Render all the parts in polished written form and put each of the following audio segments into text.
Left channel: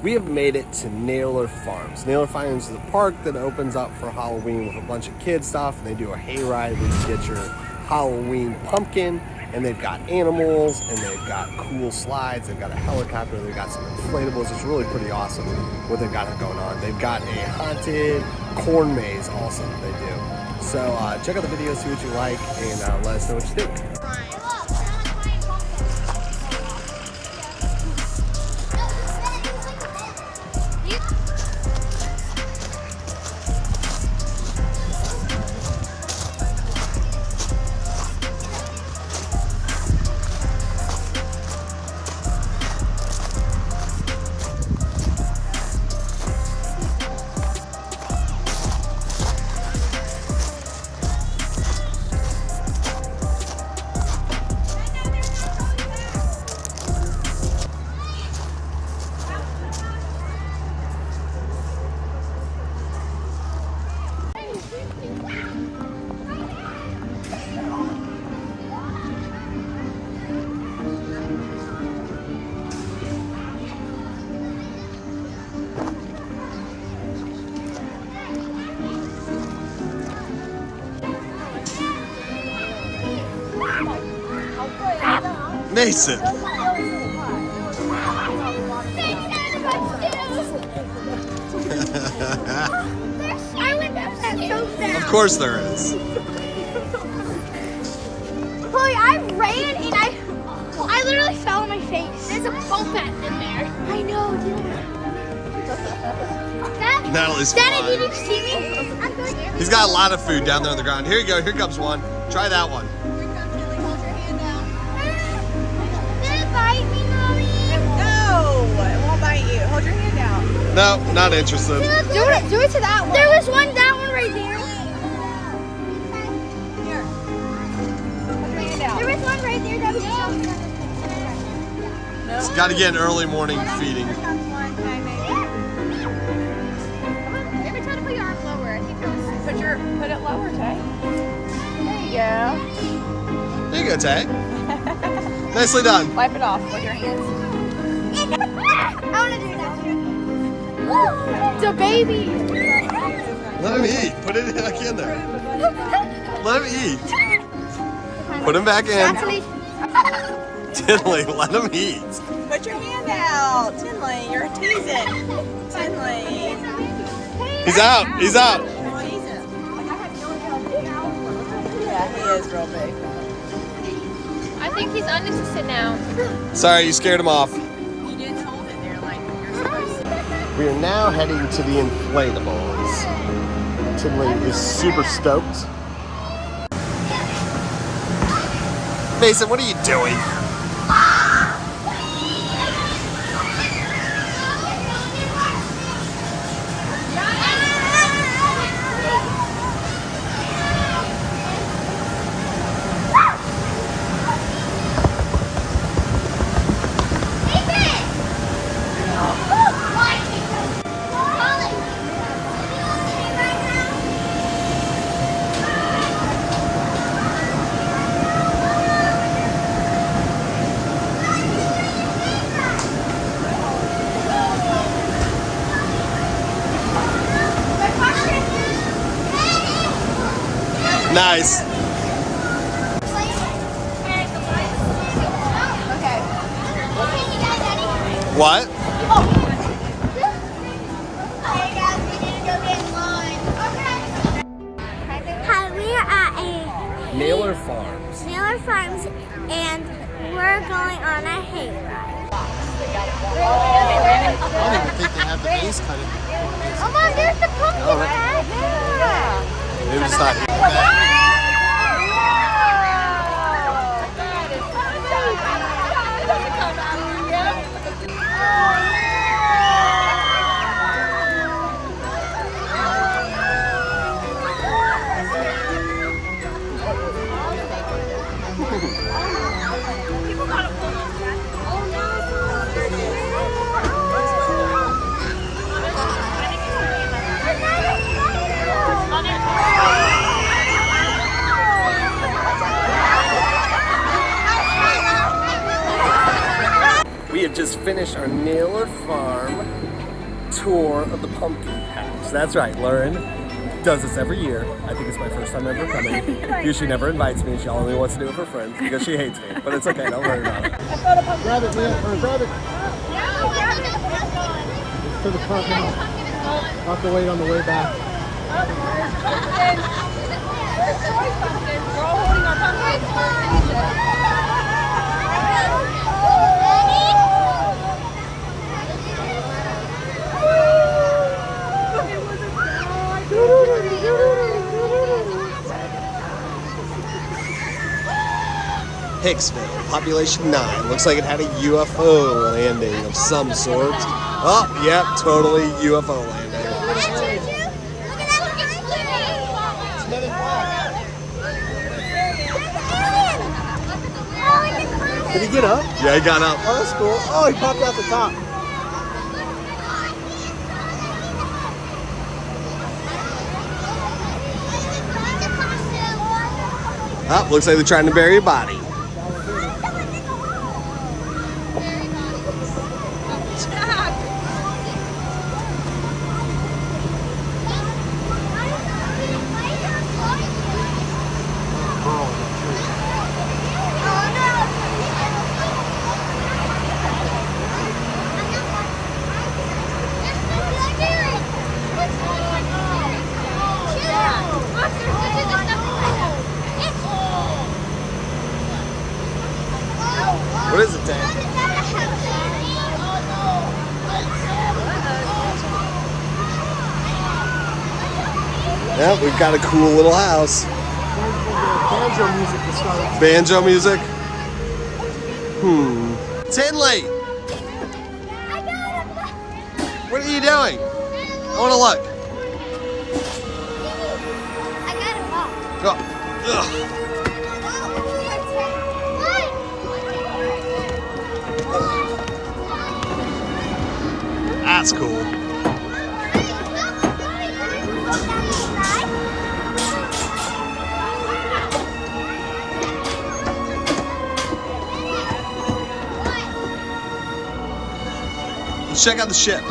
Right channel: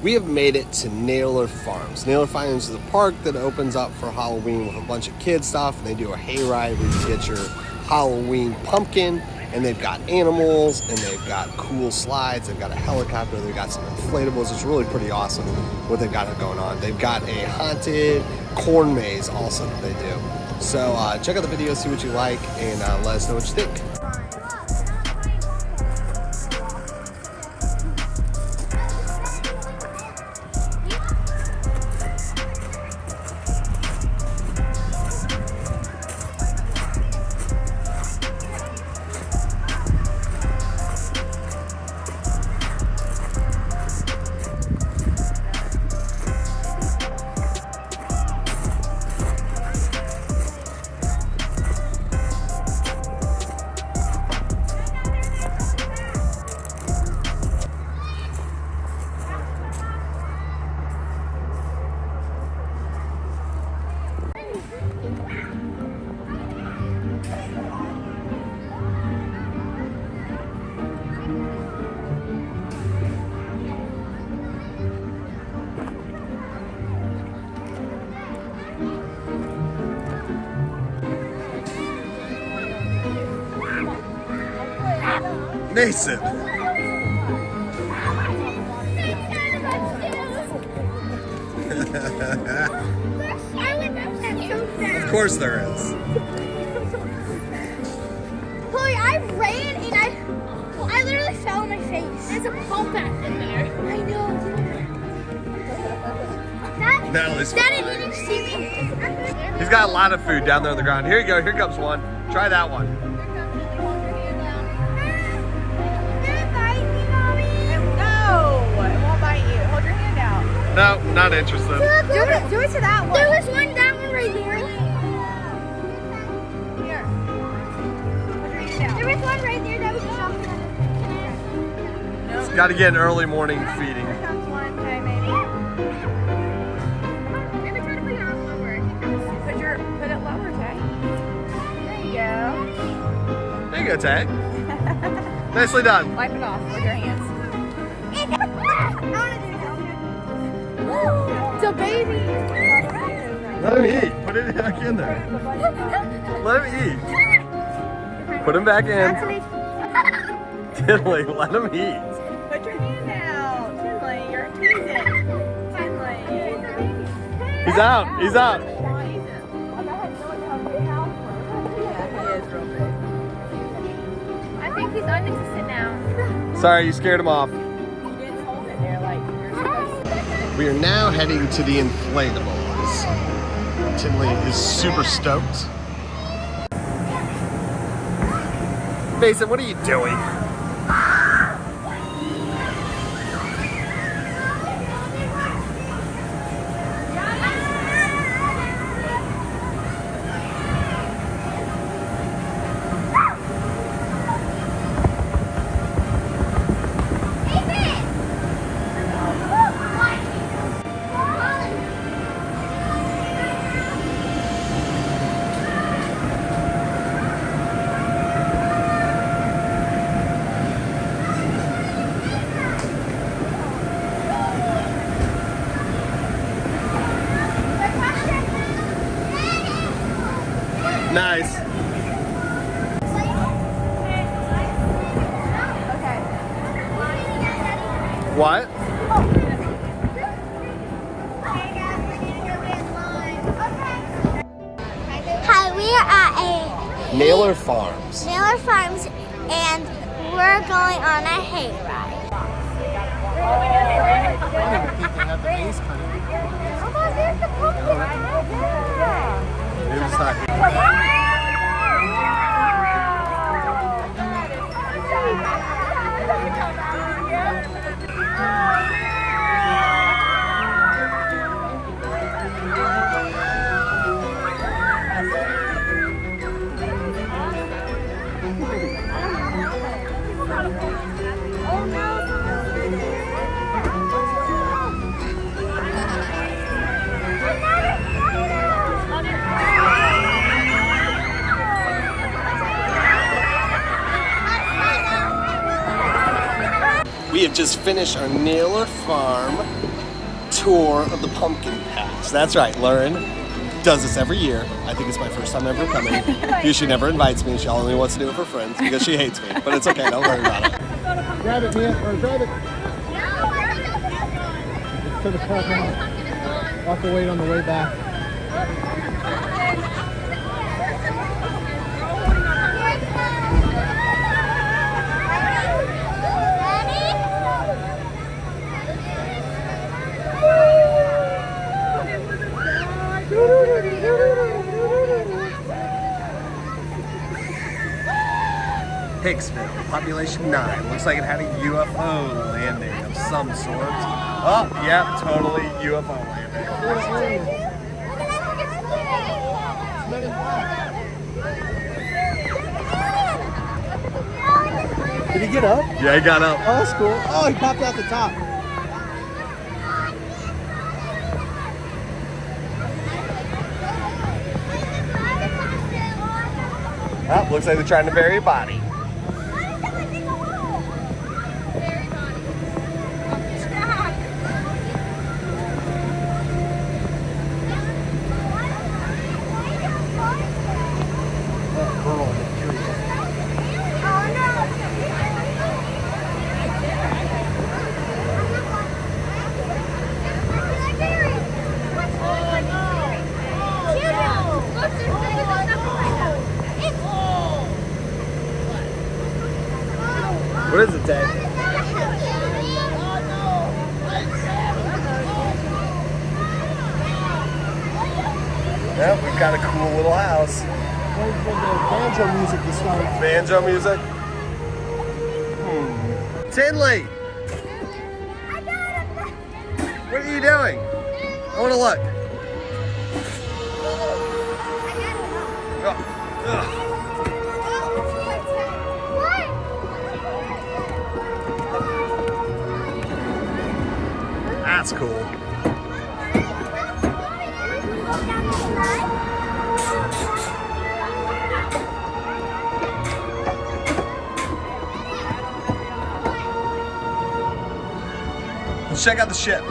We have made it to Naylor Farms. Naylor Farms is a park that opens up for Halloween with a bunch of kid stuff, and they do a hayride where you get your Halloween pumpkin, and they've got animals, and they've got cool slides, they've got a helicopter, they've got some inflatables. It's really pretty awesome what they've got going on. They've got a haunted corn maze also that they do. So check out the video, see what you like, and let us know what you think. Mason. Of course there is. Chloe, I ran and I literally fell on my face. There's a bump in there. I know, dude. Natalie's Daddy, did you see me? He's got a lot of food down there on the ground. Here you go. Here comes one. Try that one. No, not interested. Do it to that one. There was that one right there. Here. There was one right there that was It's got to get an early morning feeding. Maybe try to put your arm lower. I think put it lower, Tay. There you go. There you go, Tay. Nicely done. Wipe it off with your hands. I want to do it now. The baby. Let him eat. Put it back in there. Let him eat. Put him back in. Tinley, let him eat. Put your hand out. Tinley, you're teasing. Tinley. He's out. He's out. Yeah, he is real big. I think he's uninterested now. Sorry, you scared him off. You didn't hold it there like you're supposed to. We are now heading to the Inflatables. Tinley is super stoked. Mason, what are you doing? Nice. Okay. What? Hi, we are at Naylor Farms. Naylor Farms, and we're going on a hayride. I don't even think they have the base cutting. Oh, Mom, there's the pumpkin. Oh, Yeah. Maybe it's not here. just finished our Naylor Farm tour of the pumpkin patch. That's right, Lauren does this every year. I think it's my first time ever coming. She never invites me. She only wants to do it for friends because she hates me. But it's okay, don't worry about it. Grab it, man, or grab it. To the front now. I'll have to wait on the way back. Hicksville, population 9. Looks like it had a UFO landing of some sort. Oh, yeah, totally UFO landing. Did he get up? Yeah, he got up. Oh, that's cool. Oh, he popped out the top. Oh, looks like they're trying to bury a body. What is it, Dad? Yeah, we've got a cool little house. Banjo music is starting. Banjo music? Tinley! What are you doing? I want to look. Oh, ugh. That's cool. Let's check out the ship.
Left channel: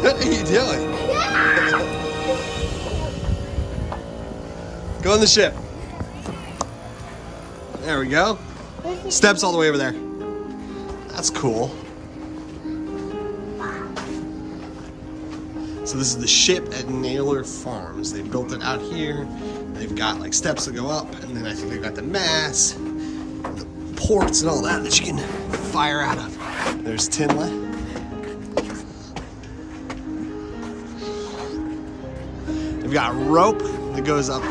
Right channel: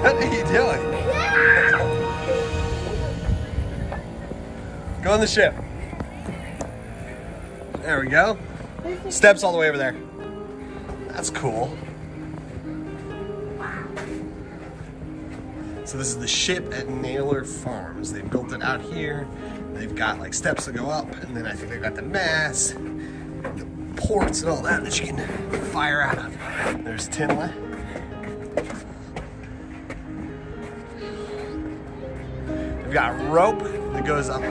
What are you doing? Go on the ship. There we go. Steps all the way over there. That's cool. So this is the ship at Naylor Farms. They built it out here. They've got like steps to go up, and then I think they've got the mast, and the ports and all that you can fire out of. There's Tinley. They've got a rope that goes up.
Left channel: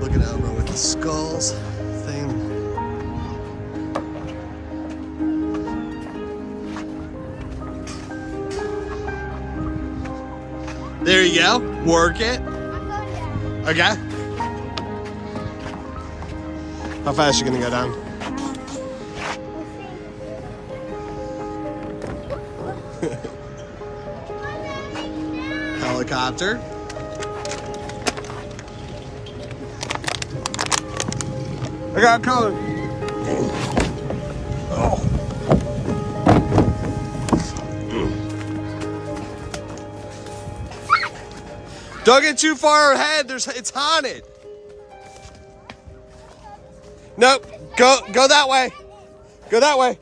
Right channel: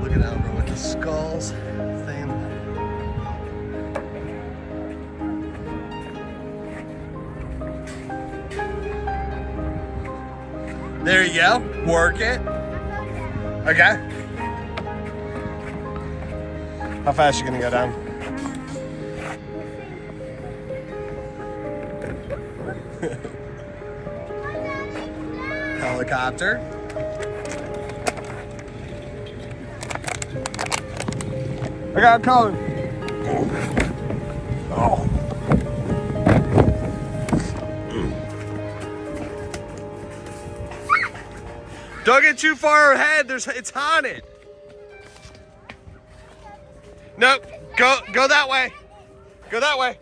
Looking over with the skulls thing. There you go. Work it. Okay. How fast are you gonna go down? Helicopter. I got a code. Oh. Don't get too far ahead. It's haunted. Nope. Go that way. Go that way.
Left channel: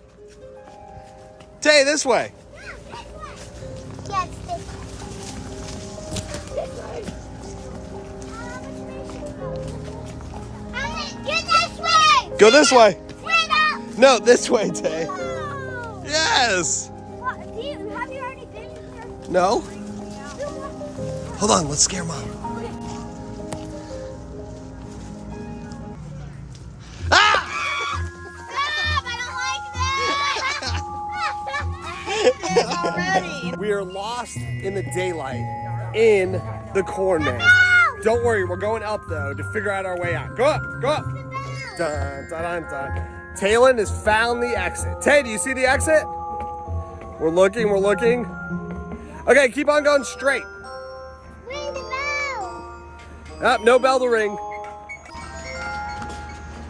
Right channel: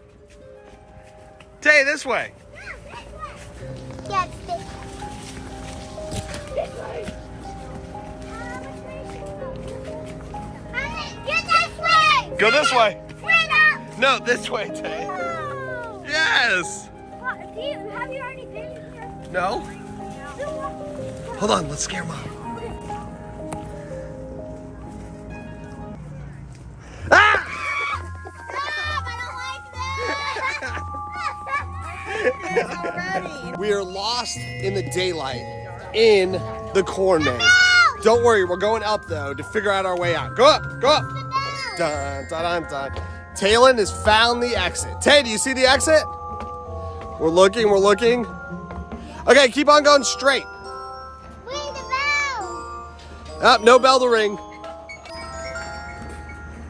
Tay, this way. Yeah, it's this way. Get this way! Go this way. Straight up! No, this way, Tay. No! Yes. What, have you already been here? No. Hold on, let's scare Mom. Ah! Stop! I don't like this! Already. We are lost in the daylight in the corn maze. Don't worry, we're going up though to figure out our way out. Go up, go up. Dun, dun, dun, dun. Talon has found the exit. Tay, do you see the exit? We're looking, we're looking. Okay, keep on going straight. Ring the bell! Oh, no bell to ring.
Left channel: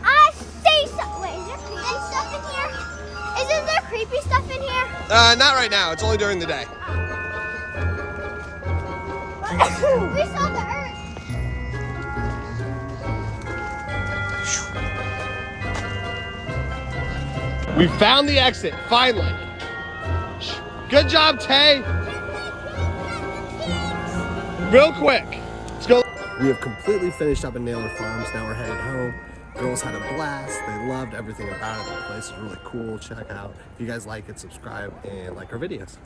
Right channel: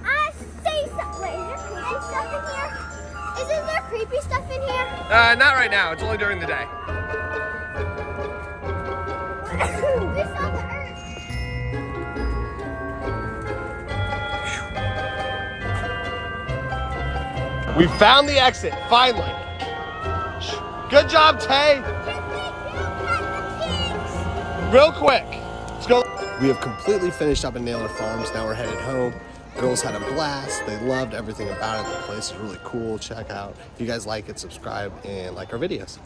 I say something. Wait, is there creepy stuff in here? Isn't there creepy stuff in here? Not right now. It's only during the day. We saw the earth. We found the exit, finally. Good job, Tay. Real quick. Let's go. We have completely finished up in Naylor Farms. Now we're headed home. Girls had a blast. They loved everything about it. The place is really cool. Check out. If you guys like it, subscribe and like our videos.